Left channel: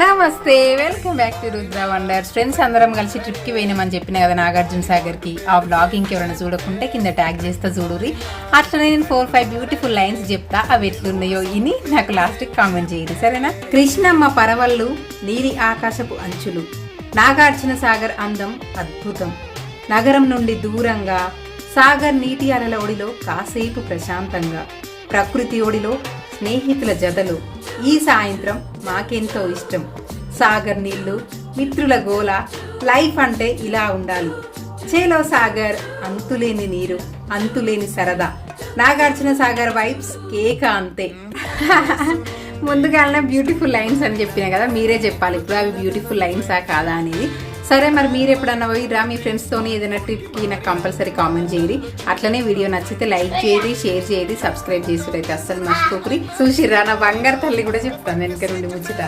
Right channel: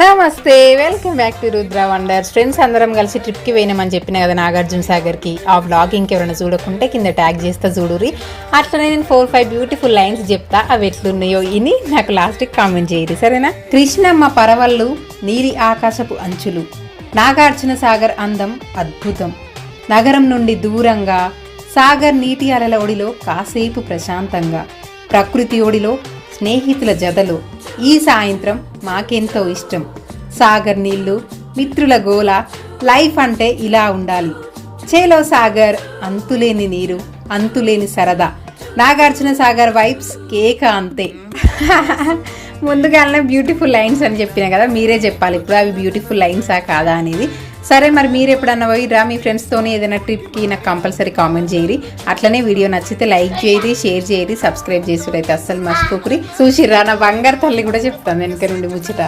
నమస్తే, welcome back to Rudra wonders. Friends అందరం కలిసి ట్రిప్కి పోయినామని చెప్పిన కదా నాగార్జున సాగర్కి. ఆ వ్లాగ్ ఇంకెవరైనా చూడకుంటే కింద ట్యాగ్ చేస్తా చూడురి. అట్లనే నేను 4-5 బ్యూటిఫుల్ లైన్స్ చెప్తా, అవి ఎట్లున్నాయో ఇని నాకు లాస్ట్కి కామెంట్ చేయరు, సరేనా? కృష్ణమ్మ పరవళ్ళు, నీలి ఆకాశపు అంచులు, నాగార్జున సాగర్ అందం అద్భుతం. నగరం నుండి దూరంగా సాగర్ నీటి అలల ఒడిలో కాసేపు ప్రశాంతంగా, ప్రకృతి ఒడిలో స్నేహితుల జతలో ఈ సాయంత్రం మాకెంతో ఇష్టం. సాగర్ నీళ్లు, మిత్రుల గోల, లైఫ్ అంటే ఇలా ఉండాలి. చేలో సాగర్, అంతులేని నీరు, అంతులేని సరదా. నాగార్జున సాగర్ వైబ్స్ కేక అంతే. ముందుగానే బ్యూటిఫుల్ లైన్స్ అని చెప్పిన కదా, మీరే చెప్పాలి ఇప్పుడు అవి బ్యూటిఫుల్ లైన్సా కాదా అనేది. సరే, మరి మీరు ఎప్పుడన్నా పోయిరా మీ ఫ్రెండ్స్తోనే ఏదైనా ట్రిప్కి నాకు కంపల్సరీ కామెంట్ చేయరి. అట్లనే వీడియో నచ్చితే లైక్ చేయరి, షేర్ చేయరి, సబ్స్క్రైబ్ చేసుడైతే అస్సలు మర్చిపోకురి. చూసిర్రా, నా బంగారు తల్లి కూడా చెప్తాను వెనక నుండి ముచ్చట.